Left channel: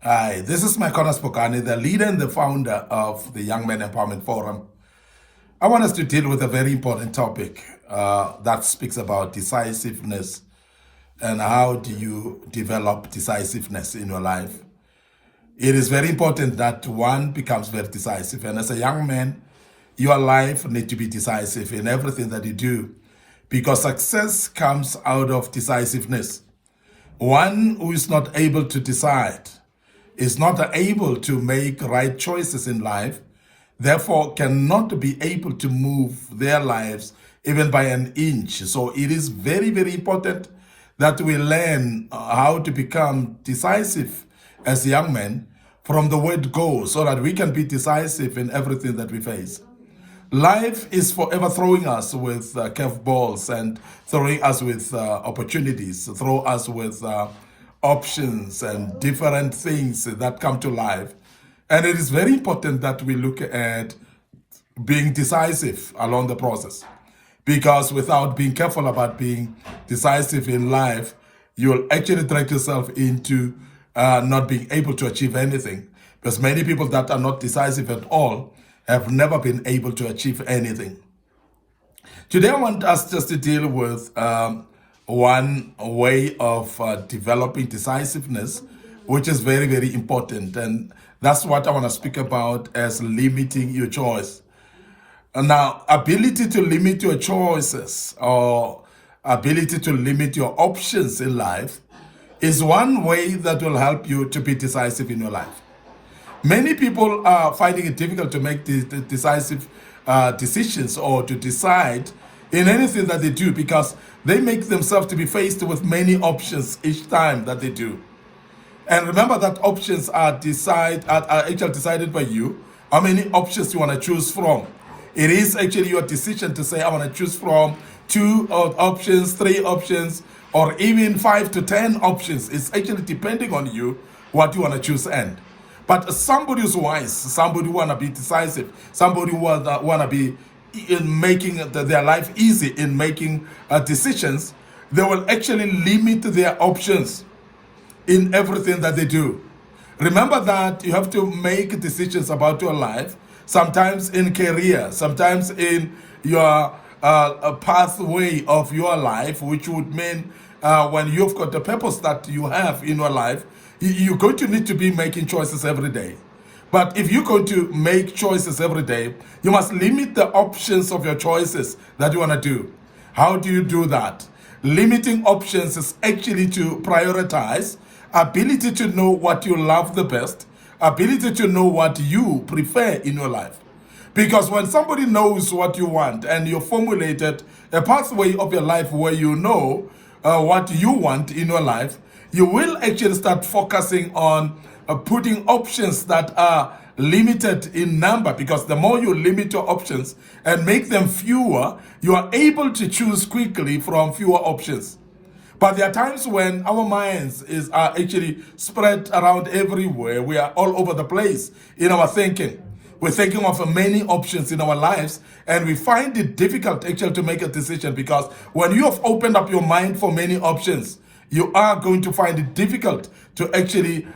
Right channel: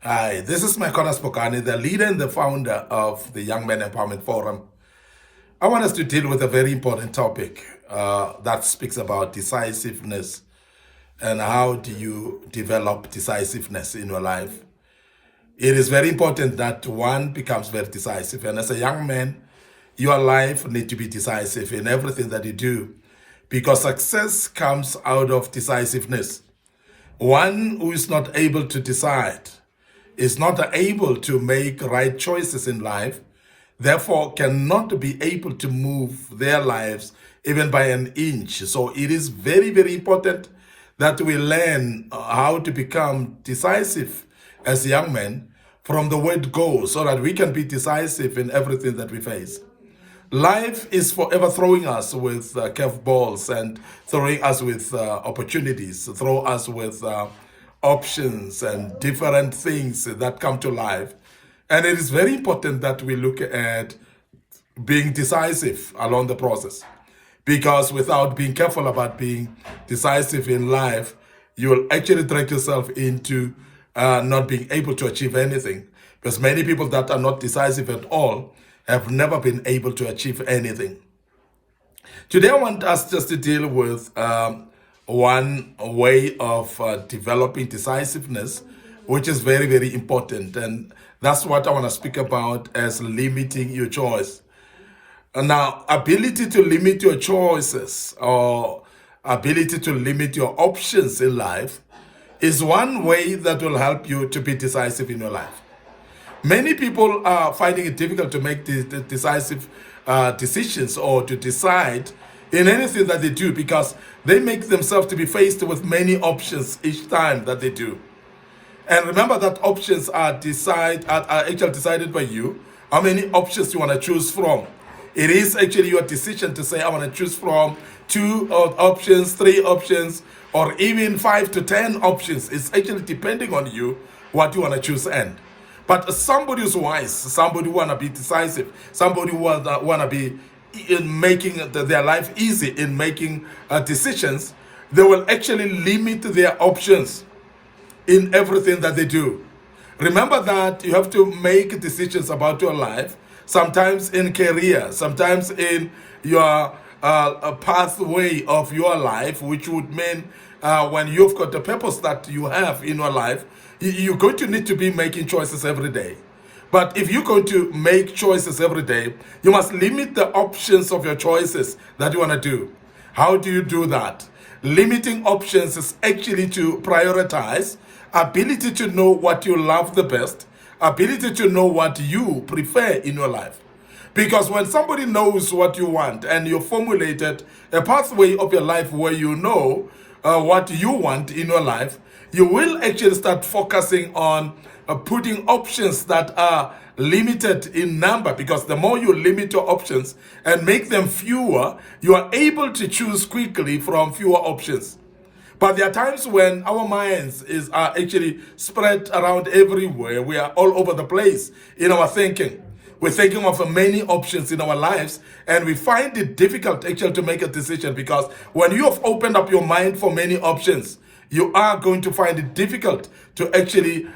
Hi, this is Micornus, Phokane, the leader and the founder of the Young Men Empowerment Forum. I want us to deal with a very important topic that speaks about decisiveness and how do you develop decisiveness in your life. It is very important that one becomes very decisive. And as a young man, your life needs to be decisive in everything that you do because success comes out of decisiveness. One who is not able to decide is not able to make right choices in life, therefore cannot be able to move their lives even by an inch. So it is very, very important that we learn how to become decisive as young men from the word go, so that we can be decisive in everything that we face. Life is forever throwing us with curveballs and throwing us with opportunities, throw us with options and different things that come to life. And it is very important that we look at being decisive along the process. Because without being careful about being decisive in life, you will actually drag yourself into not being able to achieve anything. Because many people that are not decisive at all have never been able to achieve anything. Today I want us just to deal with one way of developing decisiveness, which is very, very important. And that's what I want to speak about as limiting your choice. Now, ability to limit your choices or ability to limit your options in life is one way that will help you to be decisive in your life. Many people are finding it difficult to make the decisive decisions or to decide in anything that they do because they make themselves to be faced with many options each time that they do. And remember that options are actually decided by you, how many options you want to choose from. It is actually your decision to say, I want to choose from 2 options, 3 options, or even 5 to 10 options. It's actually depending on you what you want to choose But somebody who's wise, somebody who want to be decisive, somebody who want to be in making their life easy in making decisions, they will actually limit their options in everything that they do. Remember that you have to make decisions about your life, sometimes in career, sometimes in your pathway of your life, which would mean when you've got the purpose that you have in your life, you're going to need to be making choices every day. But if you're going to make choices every day, you must limit the options of your choices that you want to do. How do you do that? Limiting options is actually to prioritize, ability to know what you love the best, ability to know what you prefer in your life. Because when somebody knows what you want and you formulated a pathway of your life where you know what you want in your life, you will actually start focusing on putting options that are limited in number, because the more you limit your options and make them fewer, you are able to choose quickly from fewer options. But there are times when our minds are actually spread around everywhere. We are all over the place in our thinking. We're thinking of many options in our lives, and we find it difficult actually to make a decision, because when you have opened up your mind for many options, you are going to find it difficult to actually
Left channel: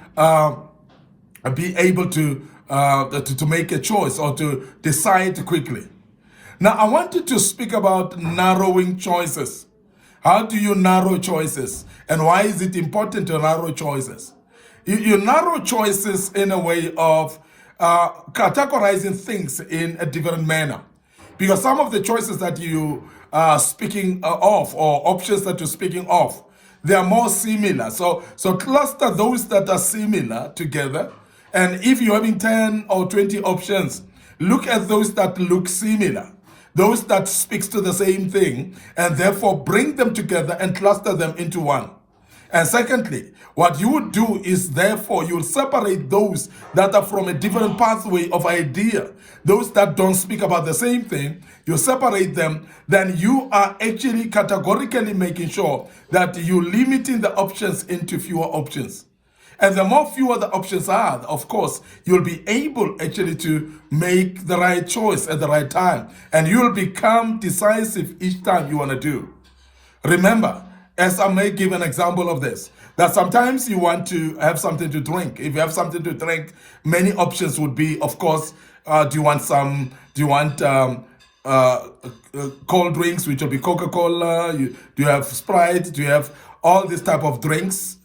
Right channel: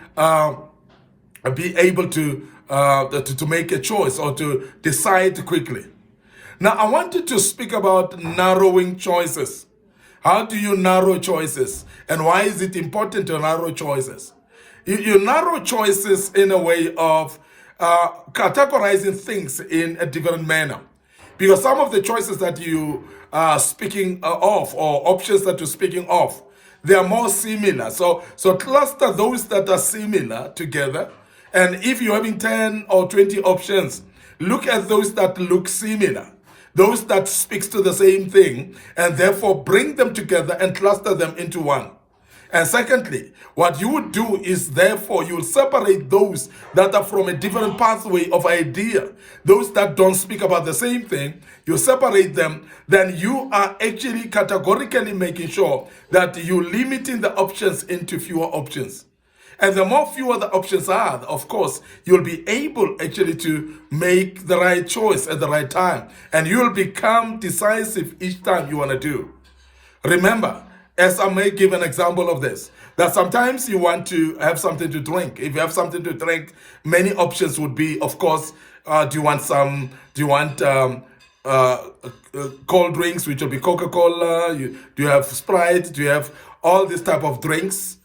be able to make a choice or to decide quickly. Now, I wanted to speak about narrowing choices. How do you narrow choices? And why is it important to narrow choices? You narrow choices in a way of categorizing things in a different manner. Because some of the choices that you are speaking of, or options that you're speaking of, they are more similar. So cluster those that are similar together. And if you're having 10 or 20 options, look at those that look similar, those that speaks to the same thing, and therefore bring them together and cluster them into one. And secondly, what you would do is, therefore, you will separate those that are from a different pathway of idea, those that don't speak about the same thing. You separate them, then you are actually categorically making sure that you're limiting the options into fewer options. And the more fewer the options are, of course, you'll be able actually to make the right choice at the right time. And you'll become decisive each time you want to do. Remember, as I may give an example of this, that sometimes you want to have something to drink. If you have something to drink, many options would be, of course, do you want cold drinks, which will be Coca-Cola? Do you have Sprite? Do you have all this type of drinks?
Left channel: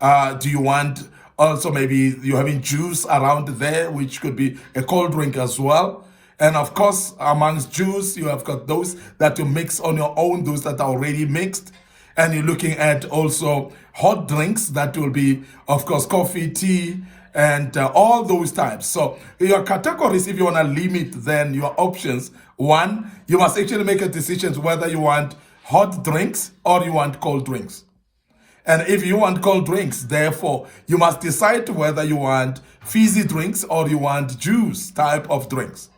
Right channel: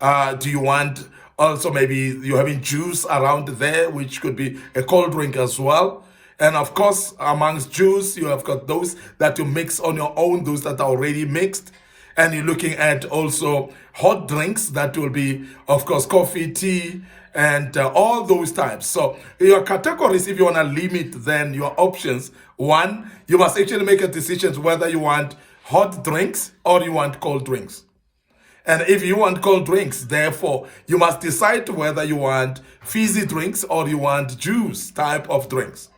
Do you want also maybe you're having juice around there, which could be a cold drink as well? And of course, amongst juice, you have got those that you mix on your own, those that are already mixed. And you're looking at also hot drinks that will be, of course, coffee, tea, and all those types. So your categories, if you want to limit then your options, one, you must actually make a decision whether you want hot drinks or you want cold drinks. And if you want cold drinks, therefore, you must decide whether you want fizzy drinks or you want juice type of drinks.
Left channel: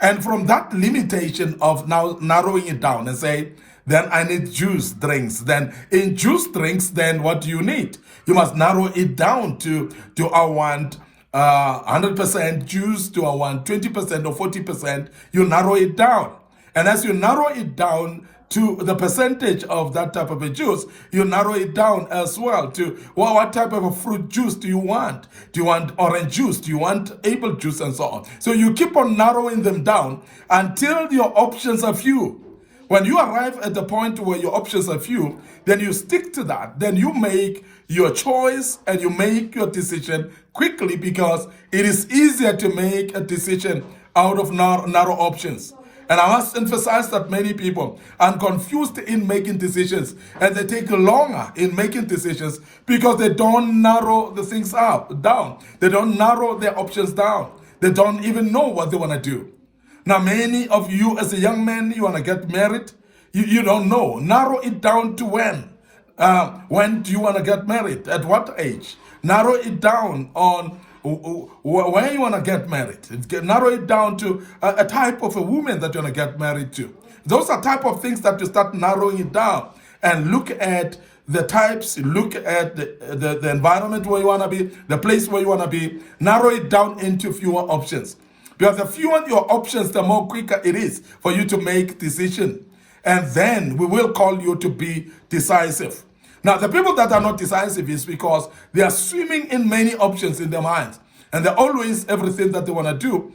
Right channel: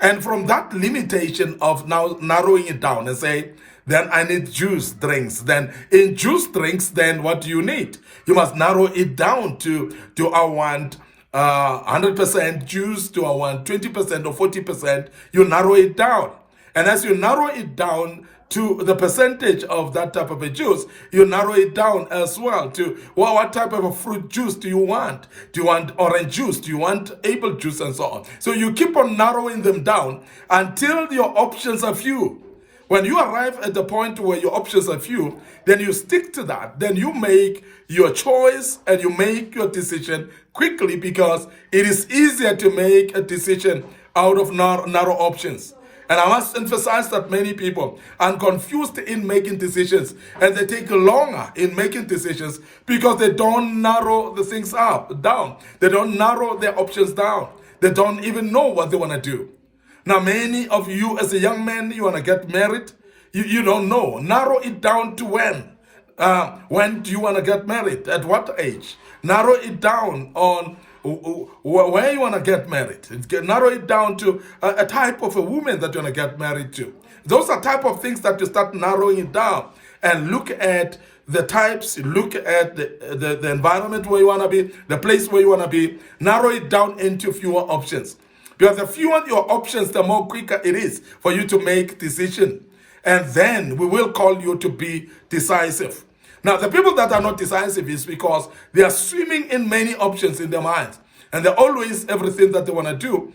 And from that limitation of now narrowing it down and say, then I need juice drinks. Then in juice drinks, then what do you need? You must narrow it down to I want 100% juice, to I want 20% or 40%. You narrow it down. And as you narrow it down to the percentage of that type of a juice, you narrow it down as well to what type of a fruit juice do you want? Do you want orange juice? Do you want apple juice and so on? So you keep on narrowing them down until your options are few. When you arrive at the point where your options are few, then you stick to that. Then you make your choice and you make your decision quickly, because it is easier to make a decision out of narrow options. And I must emphasize that many people are confused in making decisions, and they take longer in making decisions because they don't narrow the things down. They don't narrow their options down. They don't even know what they want to do. Now, many of you as a young man, you want to get married, you don't know. Narrow it down to when. When do you want to get married? At what age? Narrow it down on where you want to get married. Narrow it down to a type of a woman that you want to get married to. Those are type of things that you start narrowing it down and look at the types, look at the environment where you want to be, the place where you want to be. Narrow it down into fewer options. Because the fewer your options, the more quicker it is for you to make decision. And then we will call you to be decisive. Now, the people that are not decisive is because they are swimming in many options in their minds. And they're always, everything that they want to do,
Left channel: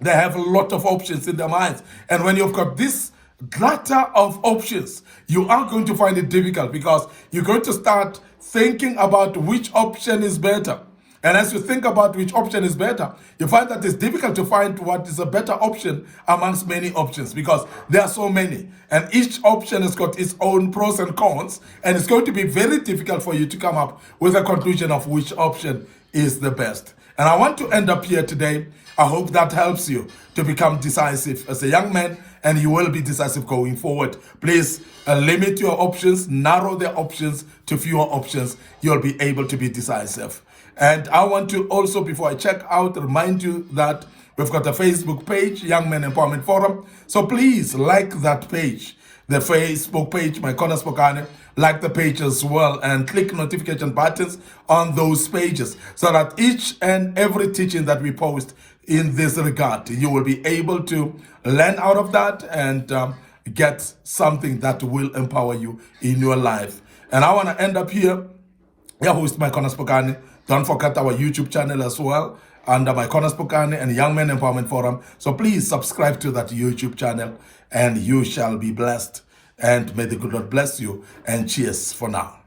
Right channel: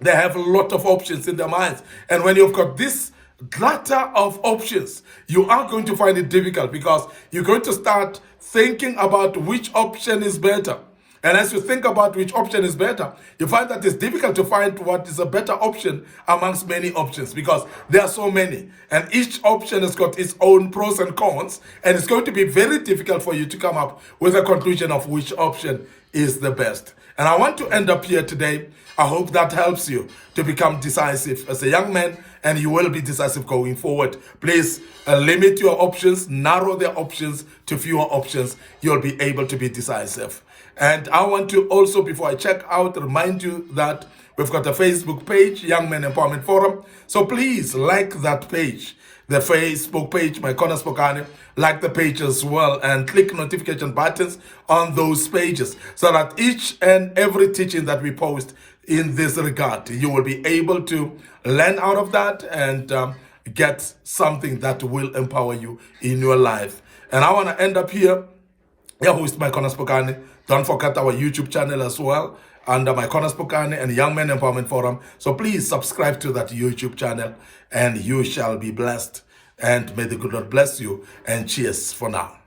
they have a lot of options in their minds. And when you've got this clutter of options, you are going to find it difficult, because you're going to start thinking about which option is better. And as you think about which option is better, you find that it's difficult to find what is a better option amongst many options, because there are so many. And each option has got its own pros and cons, and it's going to be very difficult for you to come up with a conclusion of which option is the best. And I want to end up here today. I hope that helps you to become decisive as a young man, and you will be decisive going forward. Please limit your options, narrow the options to fewer options. You'll be able to be decisive. And I want to also, before I check out, remind you that we've got a Facebook page, Young Men Empowerment Forum. So please like that page, the Facebook page, Micornus Phokane. Like the page as well, and click notification buttons on those pages, so that each and every teaching that we post in this regard, you will be able to learn out of that and get something that will empower you in your life. And I want to end up here. Your host, Micornus Phokane. Don't forget our YouTube channel as well, under Micornus Phokane and Young Men Empowerment Forum. So please subscribe to that YouTube channel, and you shall be blessed. And may the good Lord bless you. And cheers for now.